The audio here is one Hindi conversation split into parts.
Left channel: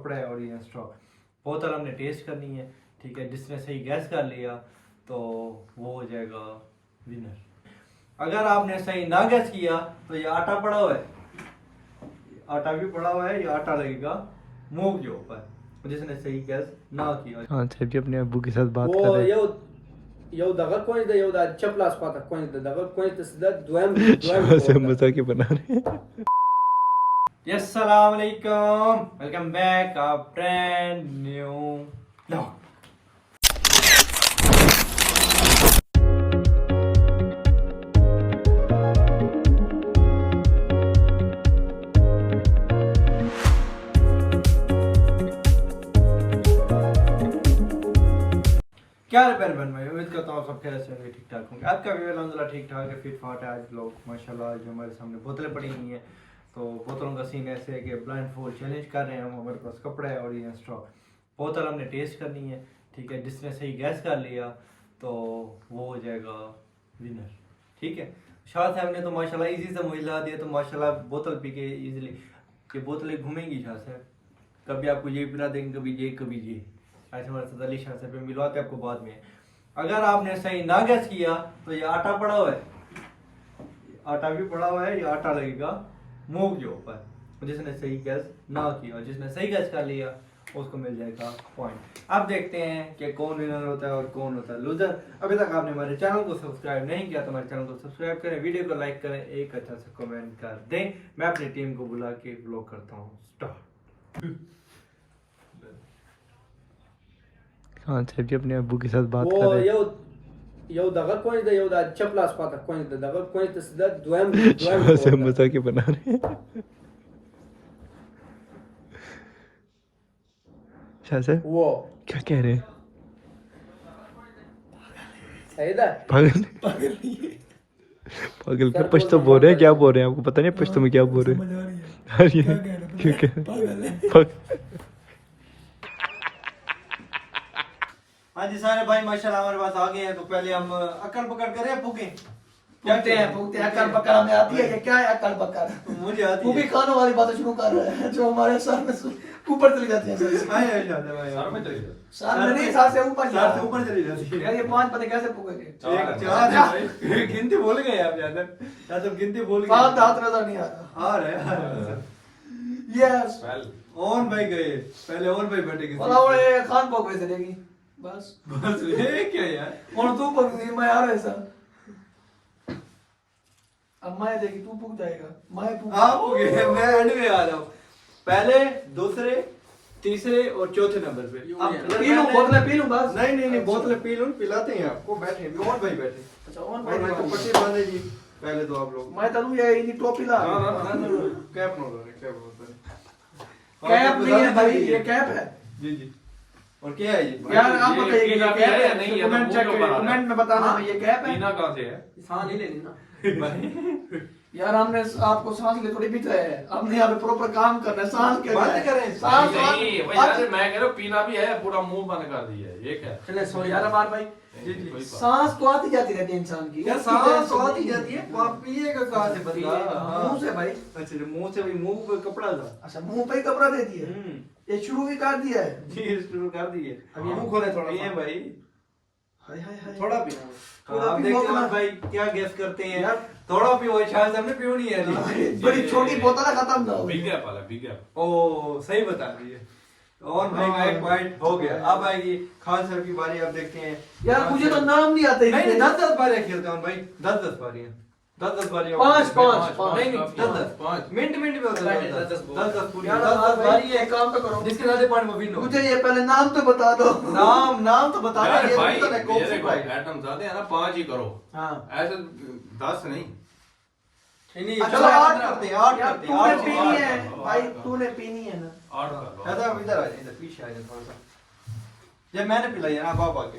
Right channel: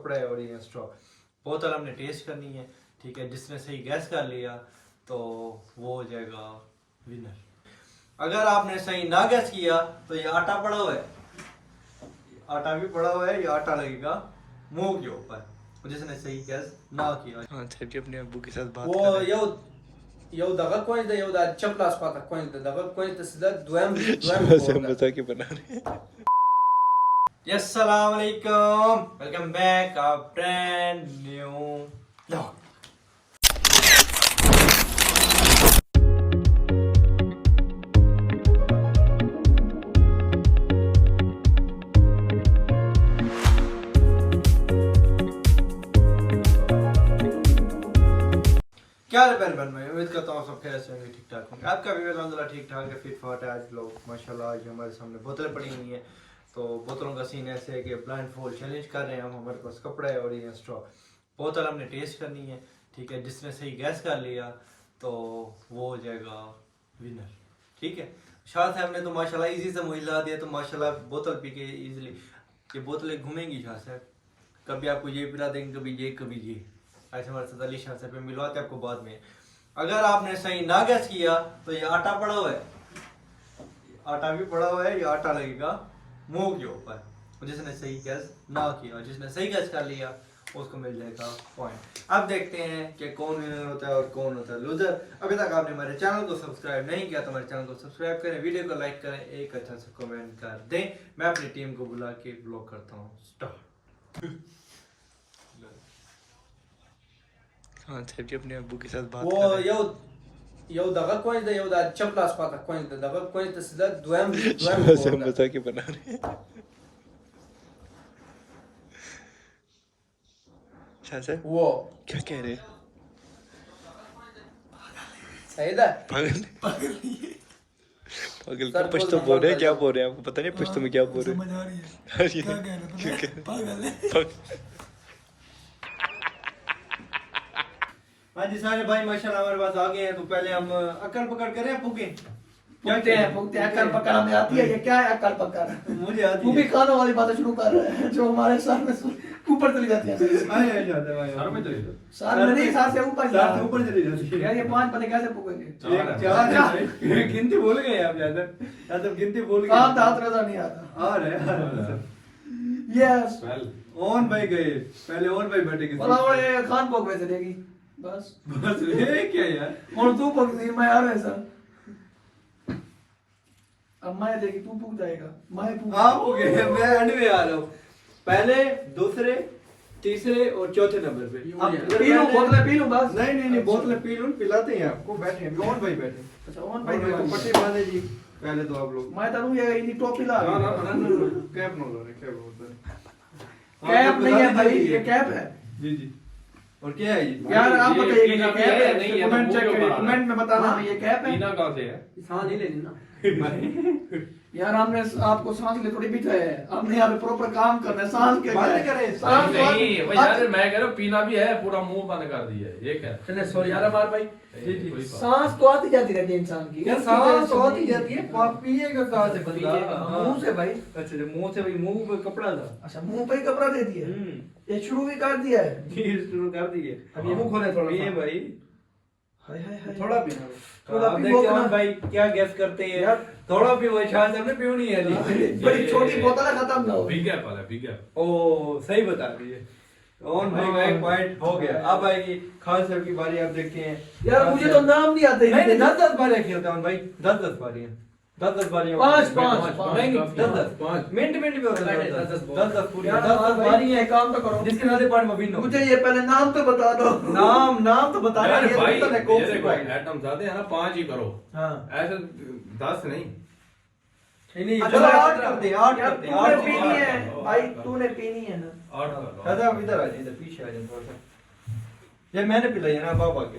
कपड़ा है और ये स्ट्रॉ। बोतल हमने टेस्ट करनी है, ठीक है। जिसने सही गैस कर लिया तो वो हो जाएगा विनर। अगर आपने सही ना गैस किया तो ये आटा पड़ा हुआ है, आटा भी पड़ा हुआ है, ये आटा लगेगा मुंह के ऊपर जिसने सही गैस ना किया। हाँ सर अपने अब्बू के साथ बात वो कर रहे हैं। यौ दगा कोई दा यौ दा चपलास पाता कोई दा दगा कोई तसदा द्वम मजा के बना रहे हैं। अस्सलाम वालेकुम, welcome back a brand new vlog. क्या हाल है पहलवान भाई, उम्मीद करता हूँ सब खैर से होंगे, ठीक ठाक होंगे। आपका भी अल्हम्दुलिल्लाह ठीक ठाक है, फिट फाट है। आज लोग माशाल्लाह जो हमारे सामने बोतलें पड़ी हुई हैं, तो बोतलों का सीन ऐसे है कि ब्लाइंड फोल्ड चैलेंज कर रहे हैं हम। हमारे पास कपड़ा है और ये स्ट्रॉ। बोतल हमने टेस्ट करनी है, ठीक है। जिसने सही गैस कर लिया तो वो हो जाएगा विनर, ठीक है। शाह साहब ने तो माशाल्लाह इजी से मुझे ला दिया, तो माशाल्लाह बोतल पी के ईजिली ये बोतलें घूमेंगी शाह साहब। कभी आपको ये पिला देंगे, कभी ये कभी ये, ऐसे हमारे साथ अली शाह साहब पे मिलवाते हैं आपको बाद में। अगर आपने सही ना गैस किया तो ये आटा पड़ा हुआ है, आटा भी पड़ा हुआ है, ये आटा लगेगा मुंह के ऊपर जिसने सही गैस ना किया। जिसने सही गैस कर लिया उसको मिल जाएगा पॉइंट। अब देखते हैं कि कौन विनर होता है और कौन होता है लूजर। अभी तक आपने हमारे चैनल को सब्सक्राइब नहीं किया तो हमारे चैनल को सब्सक्राइब करें, वीडियो को लाइक करें, एक अच्छा सा कमेंट कर दें। मैं अपनी टीम को बुला के व्लॉग करता हूँ स्टार्ट। हाँ सर जी अपने अब्बू के साथ बात कर वो रहे हैं। यौ दगा कोई दा यौ दा चपलास पाता कोई दा दगा कोई तसदा द्वम मजा के बना रहे हैं। शाह सर वो क्या कह रहे हैं? सही दा पागल पागल सर, पश्तो बोल बोल रहे हैं, क्या बोल बोल रहे हैं आपको पता नहीं पश्तो में क्या बोल रहे हैं? समझ आ रही है हाँ जी। क्या कह रहे थे पागल है हाँ जी सारे भाई माशाल्लाह हमारे पास आ गए हैं। तो पहले हम अकड़ पकड़ करें, फूके फूकते हैं अक्कड़ पकड़ हमें आती है कि क्या है अक्कड़ पकड़। मुझे आती तू भी है। खानों वाली बातें शुरू कर रहा है जो हमारे सर में ऊपर चली जाती है। भाई आ जाते हैं भाई। सर में नहीं, सर से ऊपर सर से ऊपर चली जाती है। यार ये पांच पते कैसे फूकेंगे? एक चार गिनती भूल गए आप यादव गिनती भूल गए। हाथ हाथ नजर नहीं आ रहा। आ रहे यस ओन भाई गए पहले, ओन भाई बैठे किसी बोला वो खान पोक वैसे देगी बस बस ये क्या यार। और तू पोक देगी मैं आ रहा ऐसा। अब मैं देगी तू पूक जाएगा मैं पूक। आप हो गए, मैं एंड में आ रहा हूँ। पहले दूसरे तीसरे और चौथे नंबर पे अब पी लूं बोतलें पी लूं बस। नहीं नहीं नहीं, बोतलें पी लूं, पिलाते हैं आपको। बैठे ओन भाई बैठे। अच्छा ओन भाई भाई तो पट्टी बांधे जी पहले तो आप लोग। मैं तनु ये इनी टोपी ला कैप नो लो, कैप होता है। कैप नहीं है भाई ये कैप है। जी जी। और क्या है ये यार आप बताइए कि ये पीना कैप है नहीं नहीं है, कमेंट तो चेक मुंह करिए, तो कमेंट में बताना ये कैप है। पीना कहाँ से है? सांस ले लेनी ना यार हमने आपको सांस ले थोड़ी बिठाया है, हमने यहाँ पे प्रॉपर काम करना है। सांस के बंद करें। सांस नहीं भाई यार मैं कह रहा हूँ पीना भी है, पूरा मुंह बंद कर दिया है, ये क्या? चले सॉरी यार हमारे भाई जी जी। कोई बात सांस तो आती जाती रहती है इंसान की यार सांस तो आती जाती है, पिएगा कहाँ से बंदा? मुंह से भाई। अच्छा मुंह से भाई, मुंह पे कपड़ा था। अच्छा मुंह पे ही कपड़ा दे दिया, ये शुरू भी कर दिया है। ये शुरू कर दिए। अब ये मुंह खोले थोड़ा पिए भाई, हाय हाय हाय थोड़ा पीना। थोड़ा आप पी देखते बोतल। हैं भाई क्या गैस करते हैं यार। थोड़ा पी हुआ, शायद हमने पी नहीं है अभी। बड़ी छोटी बोतल है, खत्म ना हो। बिग गैप वाला बिग गैप। ओ सही बता दिए। ओन भाई का एक पॉइंट हो गया। अब आएगी खान सर की बारी। अब देखते हैं यार मुझे तो नाम नहीं आते नहीं 10-10 बारियां खेलते हैं भाई, 10-10 बारियां, 10-10 बारियां। पाँच। नहीं नहीं 10-10 मिनट मिनट में होता है। 10-10 पूरी यार 10-10 भाई बारी ये है। काम तो करो, जिसके नाते पॉइंट में विन हो। मुझे ये पहले नाम तो बता दो। नाम तो बता अरे रहे भाई हैं। ये ये देखो आइटम ज्यादा है ना, 5 ही करो, हाँ ऐसे 10 नहीं। नहीं अच्छा, चलो 8 करते हैं, 8 यार करते हैं, तूने 8 पीनी है आठ। भाई, तूने पीनी है ना। 8 कर लो। दादा आप इधर आ जाइए, इधर पीछे आ जाइए थोड़ा सा। जब मैंने पिलाई है ना बाबा के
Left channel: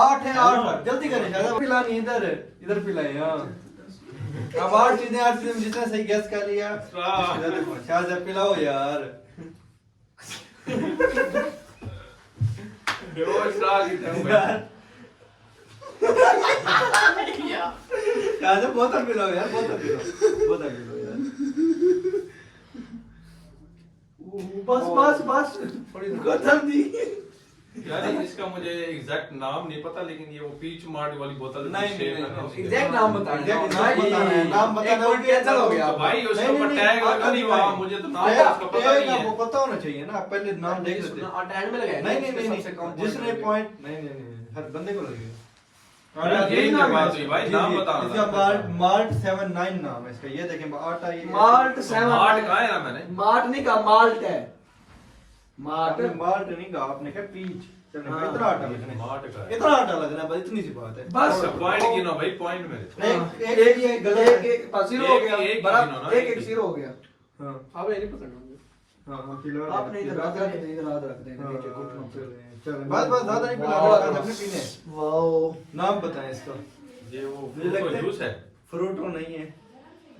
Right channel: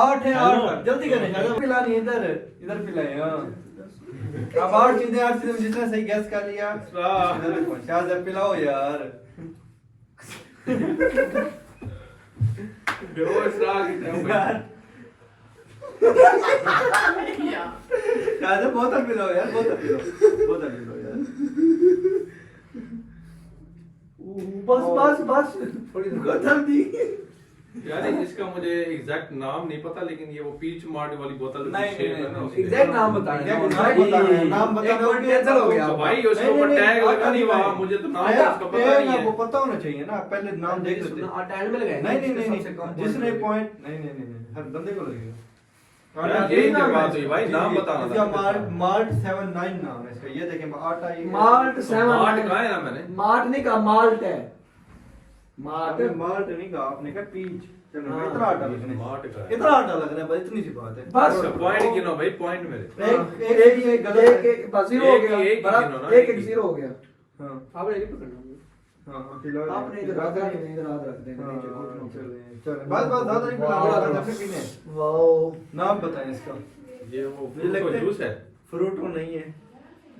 8 है, 8 जल्दी करें। ज्यादा पिलानी है, इधर पिलाएं। हाँ अब 8 चीजें में जिसने सही गैस कर लिया शायद पिलाओ यार। बेहोश रहा कितने यार शायद बोतल पिलाओ यार, बोतल पिलाओ यार। बस बस बस गदर दी यार इसका मुझे एग्जैक्ट नाम नहीं पता, लेकिन ये वो पीच मार्ट वाली बोतल नहीं, शेप है ना उसकी। एग्जैक्ट नाम बताना Exact नाम बताना है, नाम बताना पॉइंट कैंसिल हो गया तो भाई उसके नहीं, ऊपर नहीं, टैग लगा नहीं हुआ, नहीं, मुझे तो नाम टैग उसका पता टैग नहीं वो है। पता होना चाहिए ना, पहले नाम देख लेते हैं। और टैग में लगाया नहीं नहीं नहीं सबसे कम नहीं, जिसने पॉइंट नहीं नहीं नहीं नहीं, हर बंदे को लगेगा। यार यही तो बात हुई भाई, नाम बताना इसका था। मार्ट 79 नाम है इसका, ये देखें आटा ये मार्ट 7 मार्ट कहा है ना मैंने? मार्ट नहीं कहा, माल्ट है मार्ट। आपने मार्ट नहीं कहा, आपने कहा पीच। चलो हाँ। इतना आटा लगना मार्ट का है, है। इतना आटा लगना है, बस इतनी सी बात है। बस पॉइंट गिनो भाई, पॉइंट मेरे। एक ये गलत है। एक बस जीरो हो एक- गया, एक ही बराबर गिनो ना, एक एक एक ही। जीरो हो गया। हाँ अब ये नहीं पकड़ना हाँ फिलहाल आपने इधर हाथ रख देंगे, इधर हाथ रख देंगे नीचे घुटनों पे। चलो बस बस ज्यादा नहीं पिला वाह। रहा, अपने पीने। वाओ नाम बताएं इसका। ये वो मुझे लगता है- जूस है। फ्रूट को नहीं है,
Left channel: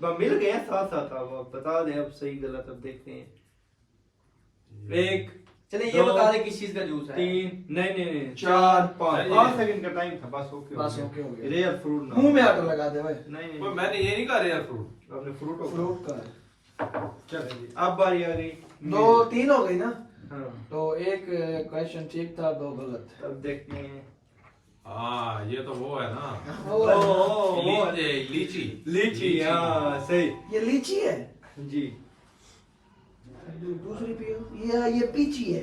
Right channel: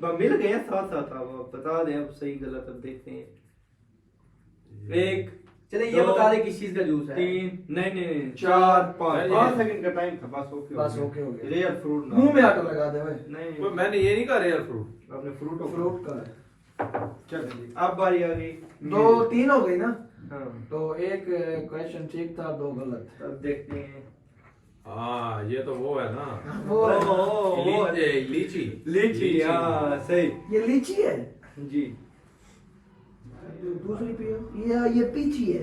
बस मिल गए हैं साथ साथ। अब बता दें, अब सही गलत अब देखते हैं। एक चले ये दो, बता दे किस चीज का जूस है। 3 नहीं नहीं नहीं, चार, 4 5 पाँच 5 सेकंड का टाइम था, बस ओके बस ओके हो गया। रियल फ्रूट मुंह में आटा लगा दे भाई। नहीं वो नहीं, मैंने ये नहीं कहा रियल फ्रूट। आपने फ्रूट को फ्रूट का चलें जी, अब बारी आ गई। दो तीन हो गई ना, हाँ तो एक क्वेश्चन ठीक था, दो गलत। अब देखते हैं। हाँ ये तो वो है ना, वो है। लीची। लीची, हाँ सही ये लीची है, जी। दूसरी पियो। ये पीची है।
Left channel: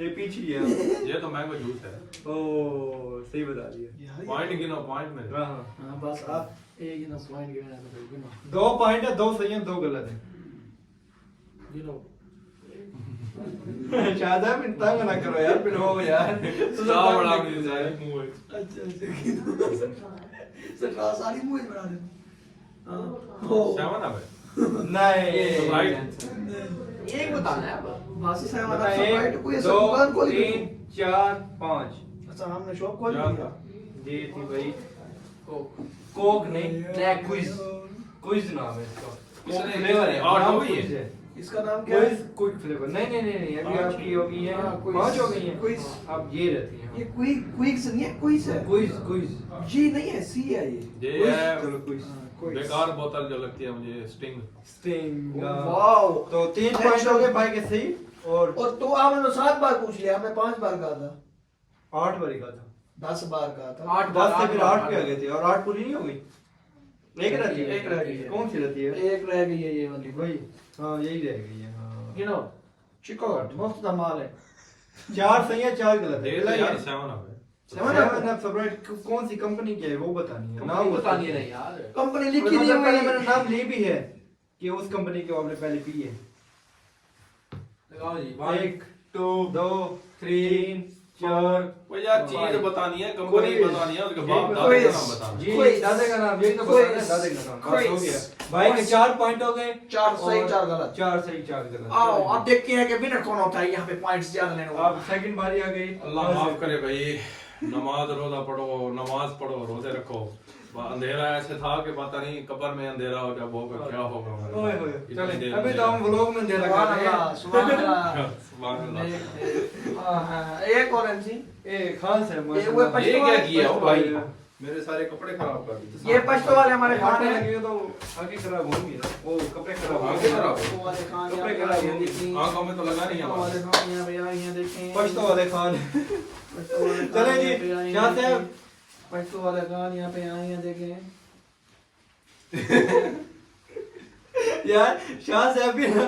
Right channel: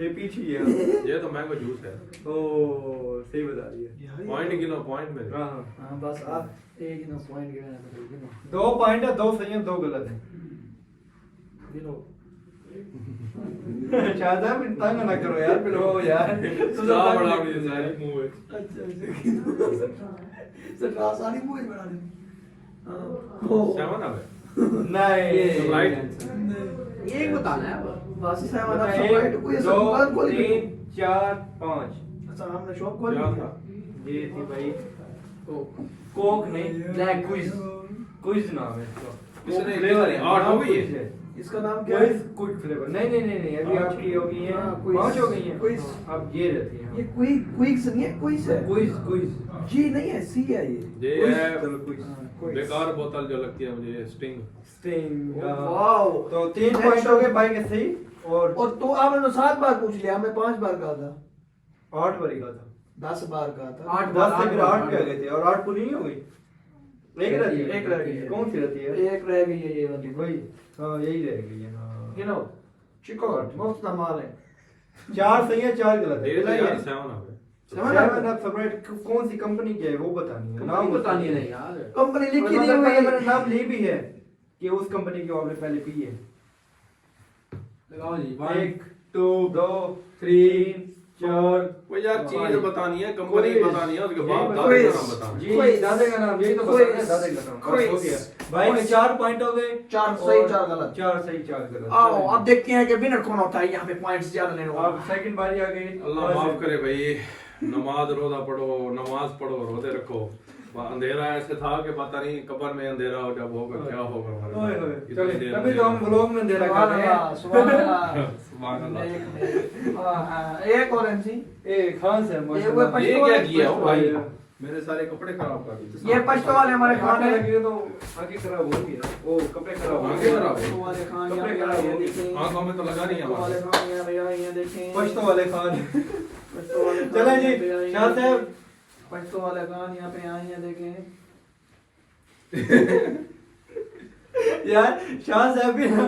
ये पीछे ही है। ये तो मैंगो जूस है। ओ सही बता दिया। पॉइंट गिनो, पॉइंट मेरे। हाँ हाँ बस आप एक ही ना पॉइंट गिना तो गिनो 2 पॉइंट है, 2 सही है, 2 गलत है। गिनो। शायद में तंग ना करो यार, फिर हो यार तो क्या बड़ा मुझे सारी मुंह है। अच्छा गिनो। सर आसानी मुझे बना दे। हाँ। सेवन अब है। नहीं राइट। ये बताना है अब। बासी साहब आना बताएं, सब कोई ऐसा 2 दुकान खोल 3 4 5 अच्छा हमने शॉप खोल क्या ली था? जी थी भाई। कोक कोक नहीं, ब्लैक क्विज। क्विज नाम है इसका। किसने कोक किया? फ्लेवर है, आठ हो नाम गई है? क्विज है। इसका नाम क्या है? Quiz quick flavour. नहीं नहीं नहीं नहीं, अभी आपकी हो गई है, हाँ, क्विज। 5 हो गई है। क्विज। अब ये रहती है। ये क्विक्स नहीं है, क्विज है। क्विज क्विज जी नहीं है, सी है ये। ये क्विज, है चलो क्विज। हाँ, क्विज। बेकार बोतल जो लगती है मुझे, स्टिंग। स्टिंग। वाओ। तो 3 पॉइंट हो गए भाई के सही, और और तो आपने तो 7 बार पूछ लिया, हमने 5 बार कहा था, 8 बारी का था। 10 बार कहा था। 10 से फिर 8 पे आ गए थे, और 8 पूरी नहीं हो गई। एक रहती है, एक रह गई है। कौन सी रहती है? एक रह गई है ये वाली। वही, हाँ यही रह गई है। हाँ गिनो। चिकोट मुफ्त धमाल है। 4 सही है, 4 गलत है। ये तो पहला यार ये- सेवन अब है। सेवन सेवन अप फेवरेट कौन सी कंपनी की है वो बतानी है, नाम बतानी है यार। कंपनी लिखी मतलब नहीं पहले हुई। मैंने नाम ली भी है कि उस कंपनी की आपने पहले पी है। लगाओ जी। 1 2 3 4 वो यार चीज बतानी है, कंपनी क्विज। बतानी है, उसके बाद ये दादे का क्विज। नाम बताना है। जी क्विज। दादे का नाम, यही तो क्विज। बताना है, दादे का नाम। बस क्विज। हो गया भाई के 4 पॉइंट हो गए। 4 सही 4 गलत। 4 सही 4 गलत। आओ अब देखते हैं कि विनर कौन होता है, यहाँ पे पॉइंट्स ज्यादा लेने अब वाला। सेकंड बारी आ गई। अल्लाह माफ करे भाई, नमाज रोजा पढ़ो, नमाज पढ़ो, रोजे रखो। अंधेरा ऐसे था कि पता नहीं कब्र में अंधेरा हो, जब होगा क्या होगा हमारे ओए साथ। होए, इतनी चले, देर अभी तो हम व्लॉग में अंधेरा कर रहे हैं। सुभान अल्लाह। सुभान अल्लाह। हाँ, एक करेंसी। ए खान सर ये माशाल्लाह। वो ये क्या किया हो भाई? ये मेरे सारे कपड़े खराब कर दिए। ये पश्तो वाले हमारे खान खाने है। लगे तो आंखें खराब होंगी ना। ओ कपड़े खराब आंखें होंगे। खराब पश्तो वाले खान कपड़े यहाँ खराब पे होंगे। देखें। आंखों में तो लगा नहीं पश्तो वाले हमारे। खान यहाँ पे यहाँ देखें। पश्तो वाले खान। पश्तो वाले खान चलें जी, यहाँ पे यहाँ शाह साहब। देखें। पश्तो वाले खान यहाँ पे यहाँ देखें। यार शाह साहब भी ना।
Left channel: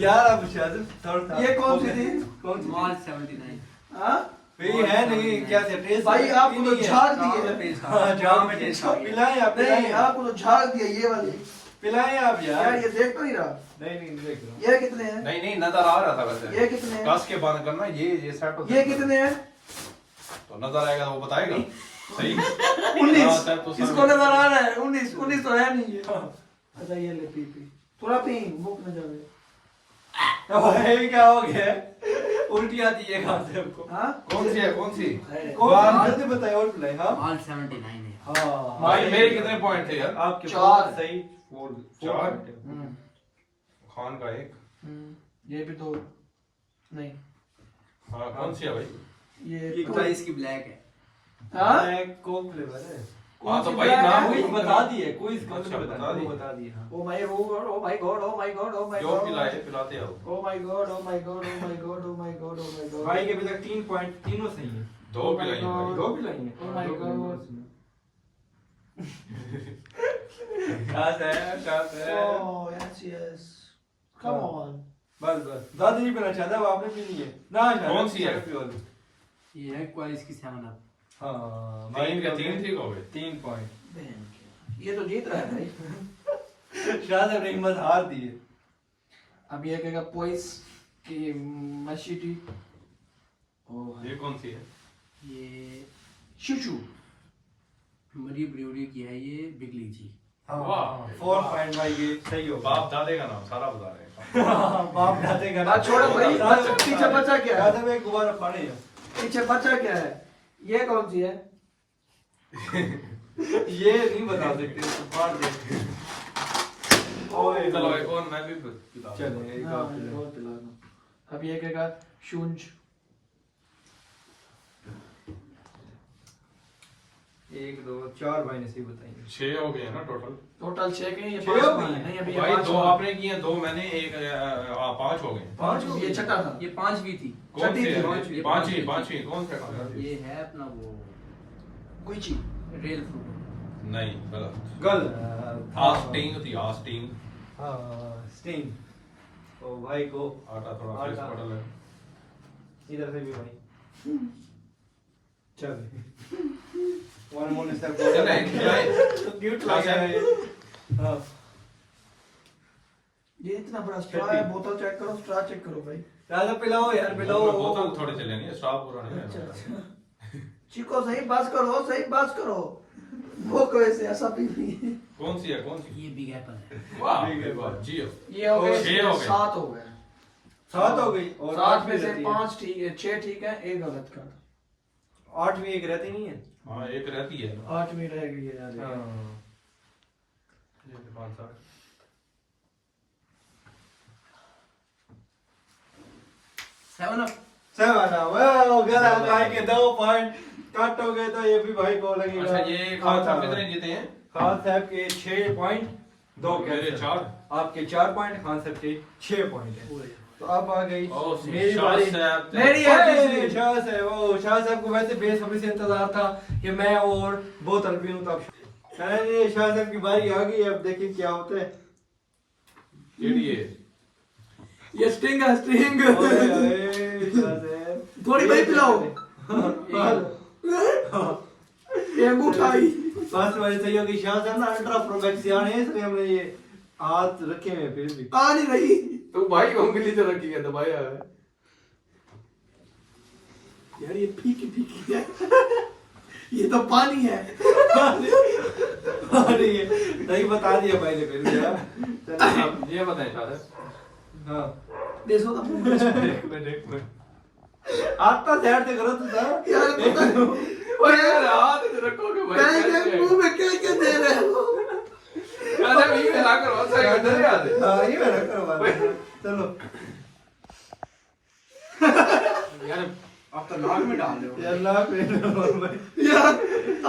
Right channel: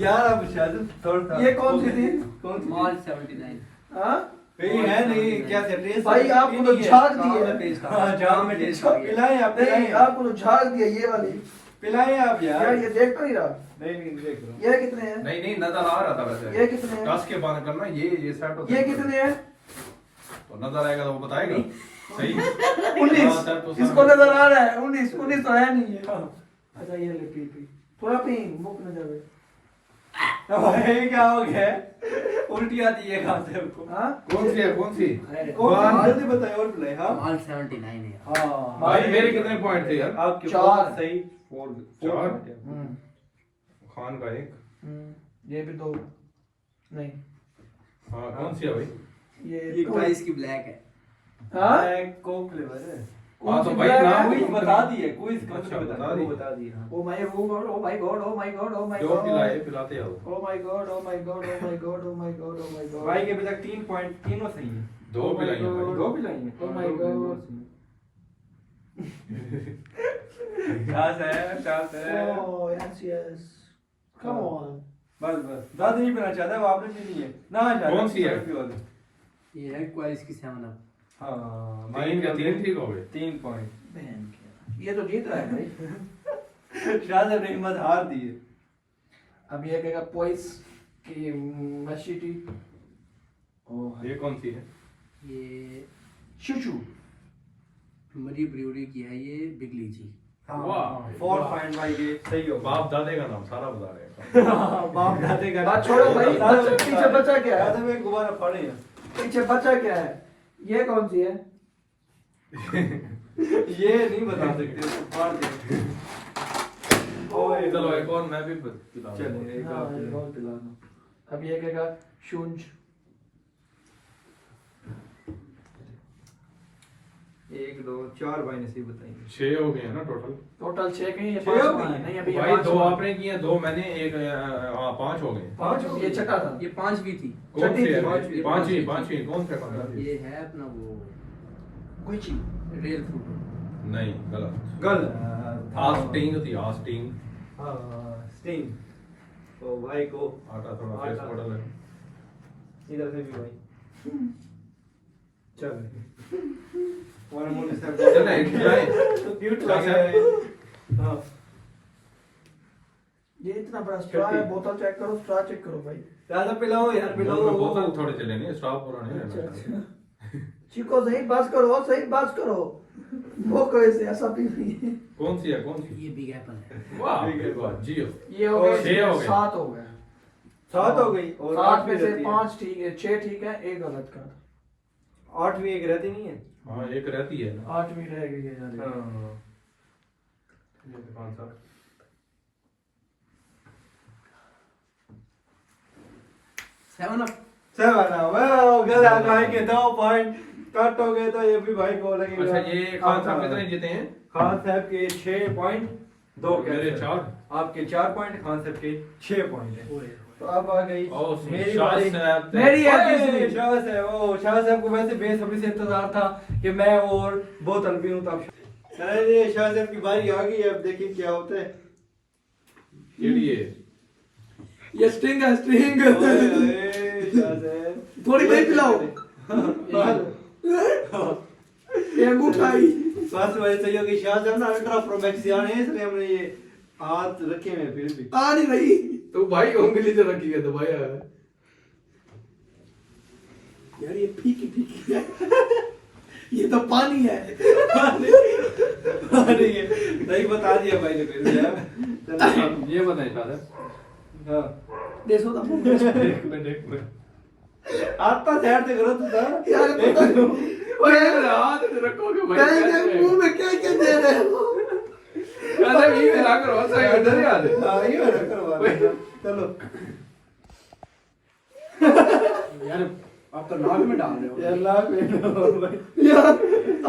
यार अब शाह साहब थोड़ा ये कौन सी थी? कौन सी थी? मार्च 79। हाँ? ये है नहीं, क्या से टेस्ट भाई आपको तो झाग दी है। हाँ झाग में टेस्ट पिलाएं आप, नहीं पिलाएं आपको तो झाग दिया ये वाली। पिलाएं आप यार यार। ये देख तो नहीं रहा। नहीं नहीं देख लो। ये कितने हैं? नहीं नहीं नजर आ रहा था वैसे। ये कितने हैं? कस के बंद करना, ये सेट होता ये है। कितने हैं? तो नजर आएगा तो वो बताएगा। सही। 19। हाँ, सेट तो इसको नजर आ रहा है 19 19 तो है नहीं है। अच्छा ये ले पी पी थोड़ा पी, भूख न जावे। भाई क्या हो गया? उल्टी आती है खान साहब को। हाँ कौन सी है, कौन सी? कौन जल्दी बताए और पिलाएं। हाँ मार्च 79 है। हाँ भाई मेरे कितने पॉइंट थे यार? आपके 4 सही। चार? हम्म खान का एक। ये भी दो नहीं। हाँ कौन सी है भाई? ये ये 28 की ब्लैक है। हाँ कोक फ्लेवर है। हाँ तो भाई ब्रांड नाम है? क्विज बता दिए, क्विज कौन अच्छा, सा बता बता दिए। बता दिए हाँ। Oh my God, oh my God, oh my God, oh my जो गॉड, पिलाए पिलाते आओ। Oh my God, oh my God, oh my God, oh my God, oh my God. भाई के अभी तक 3 पॉइंट तीनों सही है। दो Oh my पिलाए God. भाई। दो भी लाइन है। Oh my God. शास है। Oh yes, yes. Come on. बस बस दादी नहीं पीना चाहता, वो आपने पी ली है ना। कौन सी है? ये है क्वाइस की 7 अप। हाँ तीन के तीन ठीक हो गए। 3 पॉइंट। बहन क्या, ये तो जीत रहा है भाई। शायद अपनी हिम्मत हार दी है। अब ये कहेगा पॉइस की मशीटी। ओह ये कौन सी है? ये शुशु। मरी ब्रूरी की है ये बिगली जी। हाँ वाह। 4 पॉइंट भाई ये सही हो। बाप दादे का नाम सारा बता रहे हैं। बाप दादे का बात छोड़ो भाई, पीछे बच्चा क्या है? दादे में गुब्बारा फाड़े हैं। पीछे बच्चा क्या है? ये कौन सी है? ये नहीं बता सकते, फाड़ दे। ओए चलो एक और मैं भी पिला चले दूं। एक हाँ, आप ये बहुत पिला दो। अब ये कहेगा शुंज। 1 2 4 भाई ने सही बताएंगे। 6 हो गए हैं ना टोटल। टोटल 6 के ये छह 5 हो हुए गए? हैं। नहीं अभी भाई दो आपने किए, दो मैंने, एक 5 हो गए। 5 ये छठा था। ये 5वीं थी। कौन सी छठी थी, है? पांचवी। पांचवी कौन सा खाना है? ये है अपना वो गुची। Rail fruit. नहीं गलत। गल आस्टिंग थी, आस्टिंग। हाँ स्टीम। तो भाई को आटा थोड़ा फ्रेश आटा। पड़ल है। इधर से भी भाई चल वन मोर स्टेप चल एक भाई। तो क्यूट लग रहा है। हाँ ये इतना बड़ा स्ट्रॉ है, बोतल चेक करो, स्ट्रॉ चेक करो भाई। ज्यादा पिलाओ यार, पिलाओ। बोतल थोड़े से लेने, स्टॉप हो रहा अच्छा है। अच्छा। चिको सही बात करो, सही बात करो। वो कैसे ऐसा पी रही है? कौन सी है, कौन सी? ये बिग एप्पल है। वाह ठीक है, वाह जियो। ये हो गए 6 हो गए। 7 हो गए। 7 हो गई और 7 में भी से रहती है। 5 ठीक है, 6 ठीक है, एक गलत का। 8 भी एक रहती नहीं है। हाँ एक रहती है ना। 8वीं रह गई है यार। हाँ ये कौन सा? Seven up. 7 वाह गलत भाई के 2 पॉइंट कट हो गए, तो ये भी भाई को लगेगा। अच्छा ये खान साहब कितने जीते हैं? खान साहब के 6 पॉइंट, 2 मेरे 4। आपके 4 पॉइंट, खान साहब के 6 पॉइंट है। तो अब आ गई ओ मेरी शाह बारी। साहब। मेरी है ओए, तीसरी। शाह साहब, ओ शाह साहब को वैसे बेसब्री से इंतजार था कि मैं और बोतल पीऊं, तब चलिए शाह साहब की बारी आ गई। अब देखिए क्या होता है। केड़ी है? ये स्टिंग है, स्टिंग। ओए, ओए, शाह साहब। थोड़ी भाई पिलाओ। एक उठाई। फर्स्ट बारी सही हो गई। शाह साहब ना अल्ट्रा प्रो मैक्स यानी है, इसलिए हमने ये हाथ रखे हुए हैं फिर भी। आ नहीं रही। तो भाई उंगली से रखी है दबाया है। यार ये फीकी फीकी है। ये तो पानी है। अरे ये नहीं बता दिया भाई ने फिर भी यार। चलो, ये बताएं शायद। हाँ देखो ना मुंह में। एक मिनट आता ध्यान से करो तो था। यार पता नहीं। ओए यार हाथ से रखोगे भाई। कहीं के मुंह में क्या क्या दे रहे हो? अरे ये मिला करो सही इधर यार। हाँ ये मैं रखो बात। चलो यार आप तो नाक में डाल रहे हो। यार लाख में भाई। यार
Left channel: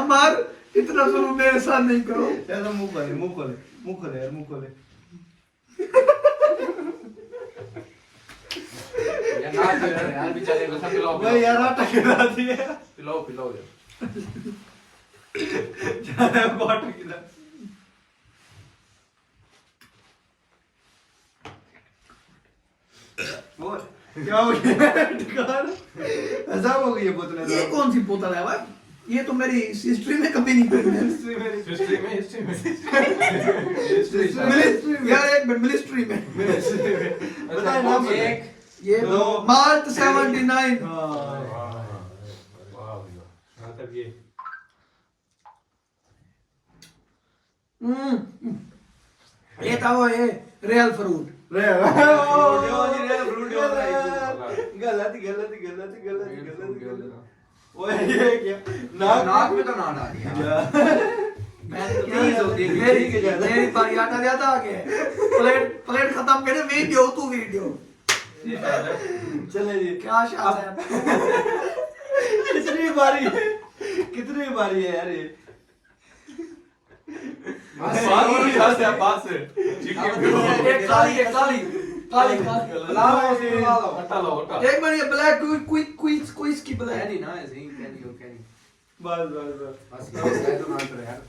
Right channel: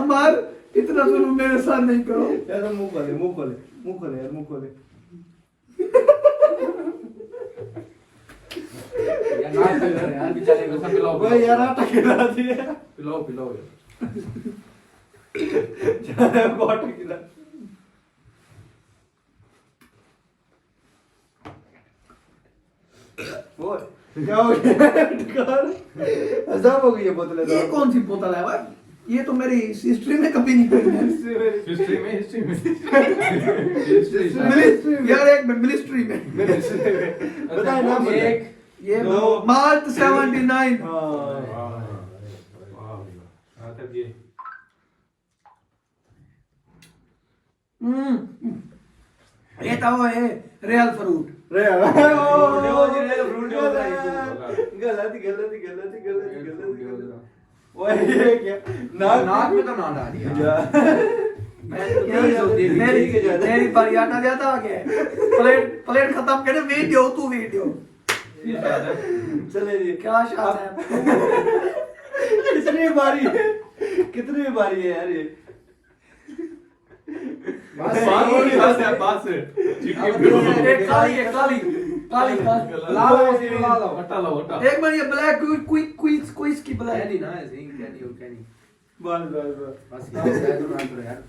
अमार इतना जुल्म मेरे साथ नहीं करो। चलो मुंह खोले, मुंह खोले, मुंह खोले यार, मुंह खोले। यार नाक में यार बेचारे को सब पिलाओ। वो यार आटा खिला दिया। पिलाओ पिलाओ यार। ज्यादा आटा खिला। वो क्या हो गया? टिकार ऐसा हो गई है बोतलें। ये कौन सी बोतल है भाई? ये तो मेरी हिस्ट्री में कभी नहीं पड़ी है। हिस्ट्री में हिस्ट्री में यार एक मिनिस्ट्री में। बताए नाम बताए। एक ये दो। मार्च 79। हाँ वाह हां तब ये ये था वो ये रियल फ्रूट। रे गलत गलत गलत गलत। वो ये क्या नाक में तो ना डाल दिया। मेरी बारी आटा जाता आगे। प्लेट खत्म करे, वीडियो तू वीडियो। चले जी। क्या शाह है? कितनी बारी है, कितनी बारी है यार ये। पास से एक काली एक काली काली काली ला लो हटा लो हटा एक मिनट ये ब्लैक क्विज की ब्लैक नहीं ना ऐसे ही कहनी बस बस ये तो ना करो यार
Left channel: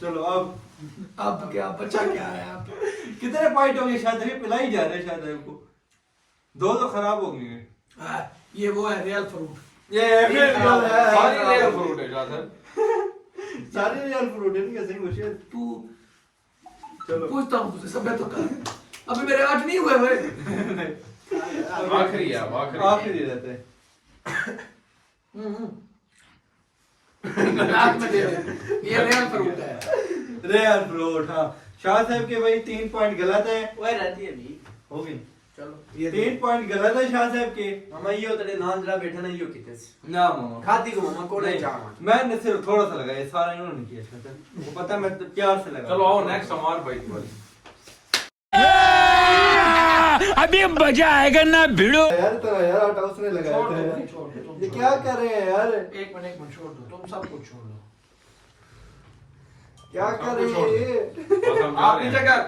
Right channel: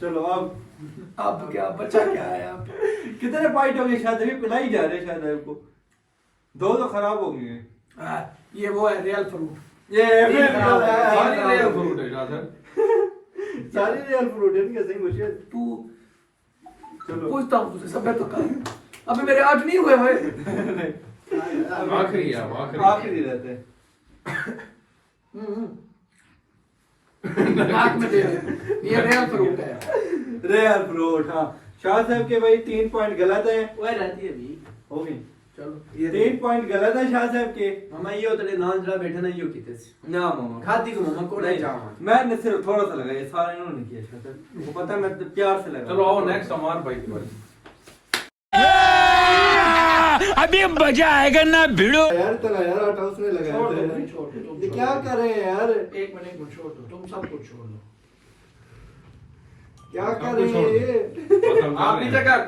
चलो अब क्या बच्चा क्या है आप कितने पॉइंट हो गए? शायद अभी पिलाई जा रहे शायद आपको। दो तो खराब हो गए हैं। ये वो है रियल फ्रूट ये सारी रियल फ्रूट है जादर सारी रियल फ्रूट है कैसे कुछ है? तू चलो पूछता हूँ तुझसे सब तो कर अभी मेरे 8 नहीं हुए भाई आखिरी है आखिरी रहते हैं। नाक में दे दे ये रियल फ्रूट है रियल फ्रूट। हाँ शाह साहब के भाई 3 पॉइंट गलत है। वही रहती है अभी हो गई चलो ये 3 पॉइंट गलत है शाह साहब के। मामा यो तेरे नाम जरा बैठे ना यो किते ना मामा खाती को मामा कोड़े नहीं, चामा मैंने सिर्फ थोड़ा सा लगाया, सारा इन्होंने किया शाह साहब को पता है, मैं तो प्यार से लगा। चलो आओ नेक्स्ट सामान भाई अभी मजा आएगा ना भिड़ो। यार तेरा यार आटा उसने लगाया छोड़ था दो यार। भाई, छोड़ दो तुम ये क्या कर रहे हैं यार? एक मिनट छोड़ दो तुम सब कुछ छोड़ दो क्या कर रहे हैं ये? आप नीचे कर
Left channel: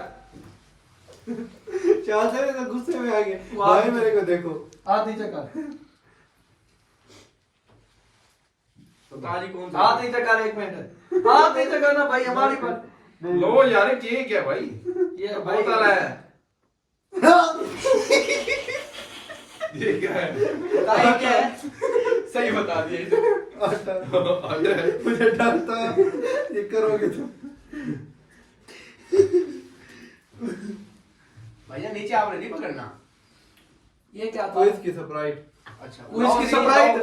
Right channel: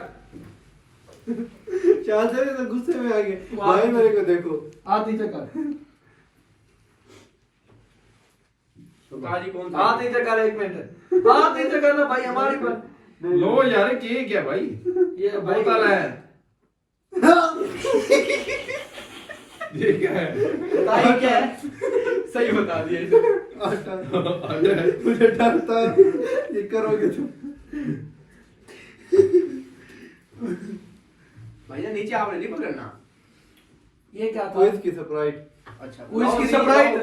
शाह साहब तो गुस्से में आ गए। भाई मेरे को देखो। हाथ नीचे कर ताली कौन हाथ नीचे कर एक मिनट हाथ नीचे करना भाई हमारी पर लो यार ये क्या भाई ये बोतल है ये क्या है बताइए क्या है सही बता दिया इसे मुझे डर था ये करोगे तुम। भैया नीचे आप नहीं पकड़ना ये क्या था क्विज की सरप्राइज। अच्छा क्विज की सरप्राइज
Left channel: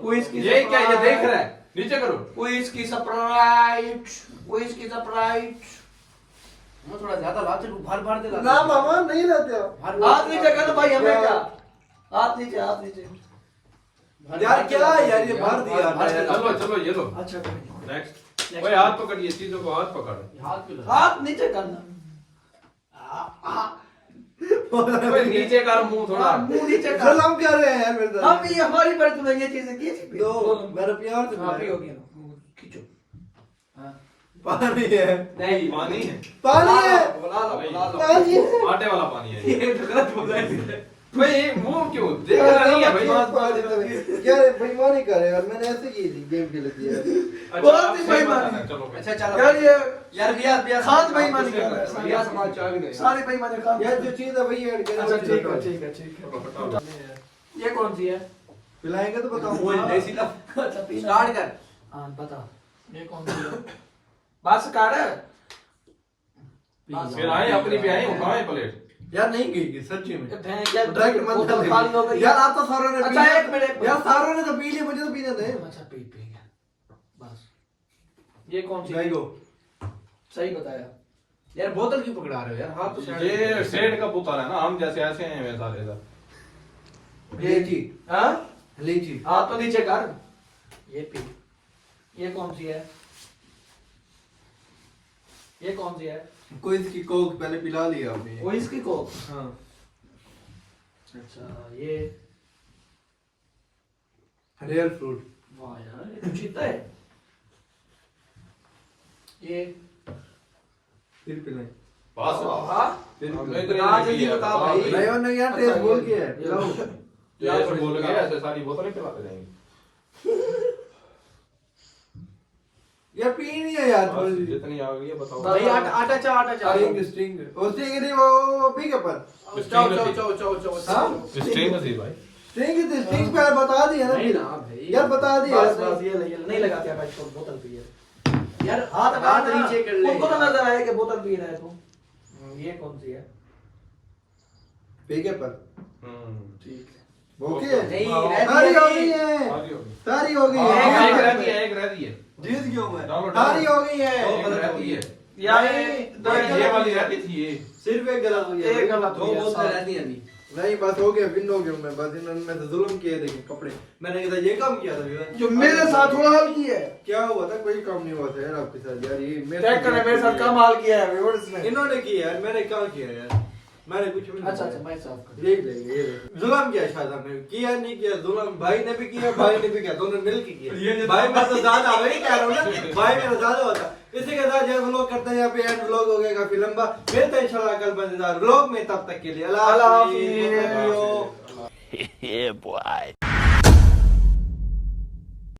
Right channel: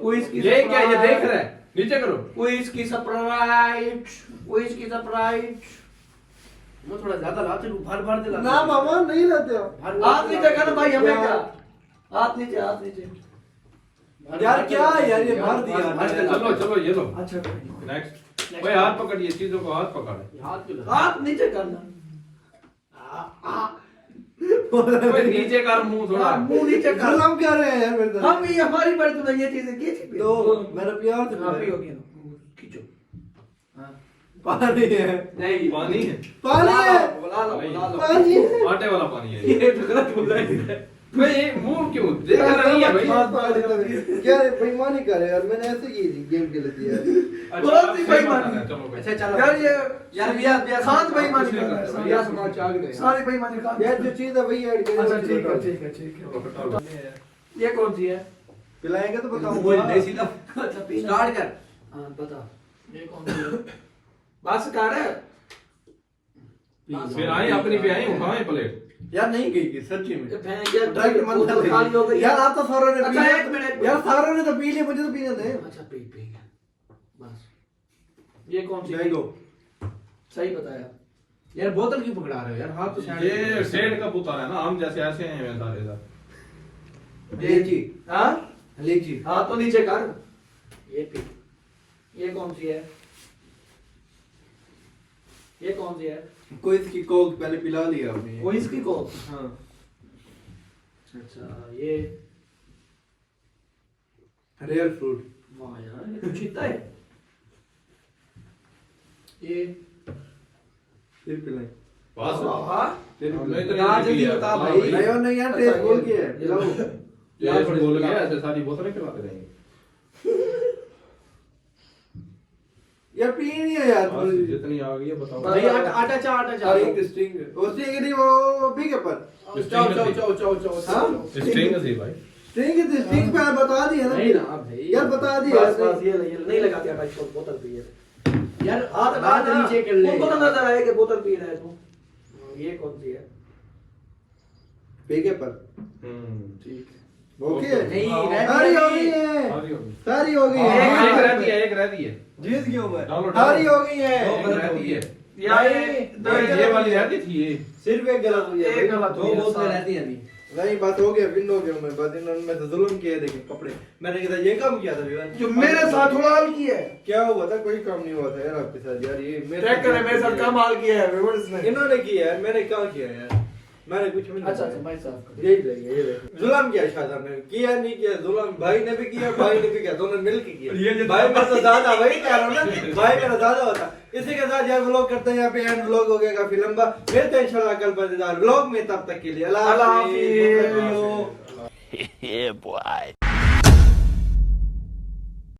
क्विज की ये क्या ये देख रहा है नीचे करो क्विज की सरप्राइज क्विज की सरप्राइज मैं थोड़ा ज्यादा लाते हूं भर भर दे लाते ना मामा नहीं रहते हो। हाथ नीचे कर भाई हमें क्या हाथ नीचे यार क्या है यार ये भर दिया। चलो चलो ये लो अच्छा नेक्स्ट भाई हाथ पकड़िए चीजों को हाथ पकड़ हाथ पे हाथ नीचे करना भाई नीचे कर मुंह थोड़ा मुंह नीचे कर सलाम कर रहे हैं यार मेरे साथ। हम ये हमारी पर तुम्हें ये चीजें की थी तो मेरा प्यार से काफी हो गया खींचो पानी है। नहीं पानी है पानी है। बुला लो पानी है। आटे वाला पानी है ये गलत बोल रहा है भाई मुंह क्यों देख रहा नहीं है भाई क्या बेईमानी कर रहे यार? मैंने ऐसे की थी गेम खेले थी यार। बहुत ही बेईमानी। चलो भाई अच्छा चलो यार ये यार बिया खान बेईमानी कर रहा है बिया समाज चाग गए सारे बेईमानी खान यार जो चीज है वही ऐड अच्छा करो। ठीक है ये कौन सी है पिलाएंगे तो वो बताऊंगा। ले सीधा अच्छा पीना स्टार्ट कर हाँ बता ये कौन सी है बस कर फिर आए अपनी पे आए उठाए प्लेट यार नहीं गई सच्ची में। यार डायरेक्ट मन बोतल खाली हो गई यार आप तो सारों ने पी अच्छा लिया। एक मिनट यार सारों ने तो पी लिया, मुझे तो पीने दे। अच्छा पी गया बस ये कौन सी मैंगो। सही बताया यार बोतल क्यों पकड़ा रहे हो यार हाथ तो साइड ये सेठ का पुत्र है ना हम जैसे ऐसे हैं वैसा इधर लीची हाँ लीची हाँ तो नीचे कर ये पी ये कौन सी है ये कौन सी है कोई इसकी कोक पहले पिला लिया अभी। वो इसकी कोक हाँ अच्छा ये रियल फ्रूट। वाह यार ये तो चीता है ये फिर पिलाएं। पास हाँ फिर हमने पिलाएं। तो यहाँ से नहीं नहीं बता भाई। नहीं और नहीं यार टेस्ट बोल के है। ये लो। ये ऐसे बोल गया ऐसे सारी बोतलें खिलाते जाएंगे यार पी नहीं है यार। बस जितनी आ गई है बताओ भाई आटा चा स्ट्रिंग वो स्ट्रिंग नहीं वो पी के पर हाँ? स्ट्रिंग थी भाई स्ट्रिंग पे बता दिया ना। नहीं ना भाई यार बता दिया बस बस ये नहीं लगाते आप इसको बोतल पी है यार हाथ हाथ नीचे कर ले उनको तो नजर आए कि बोतल पी रहा है तू ये कौन सी है पी के पर ठीक है ओके। नहीं सारी हो गई है। आगे होगी सारी हो गई एक है। रहती है एक रहती है जीत गया मैं। डालो, डालो। सारी हो गई है। एक रहती है यार ये वाली रहती थी ये सिर्फ एक गलत हुई है। एक गलत दो हुई है, बोतलें सारी। रहती हैं अभी नहीं बस हो गया विन हो गया मैं। बस इन्होंने तो जुल्म किए देखे कपड़े। मैंने कहा ये काम किया था विवान। जो मेरे साथ थोड़ा हाल किया है क्या हुआ था? कोई काम नहीं हुआ था यार आपके साथ यार। ये चेक करे मेरे साथ कम हाल किया है व्यूअर्स ने इन्होंने किया यार। मैंने क्या किया यार? मैंने कुछ भी नहीं अच्छा किया। भाई साहब यही रही यही रही जुल्म किया शायद हमने किया नहीं किया जुल्म भाई ने भी किया भाई ने भी किया दोनों मिल के किया भाई मैं तो दादा वही कह रहा हूँ ना भाई मेरा दादा होता इसी के साथ जो व्लॉग करते हैं यहाँ पे एंड व्लॉग हो गया काफी लंबा मिलते हैं इंशाल्लाह कल मजेदार व्लॉग में तब तक के लिए अल्लाह हाफिज़। Yeah, boy.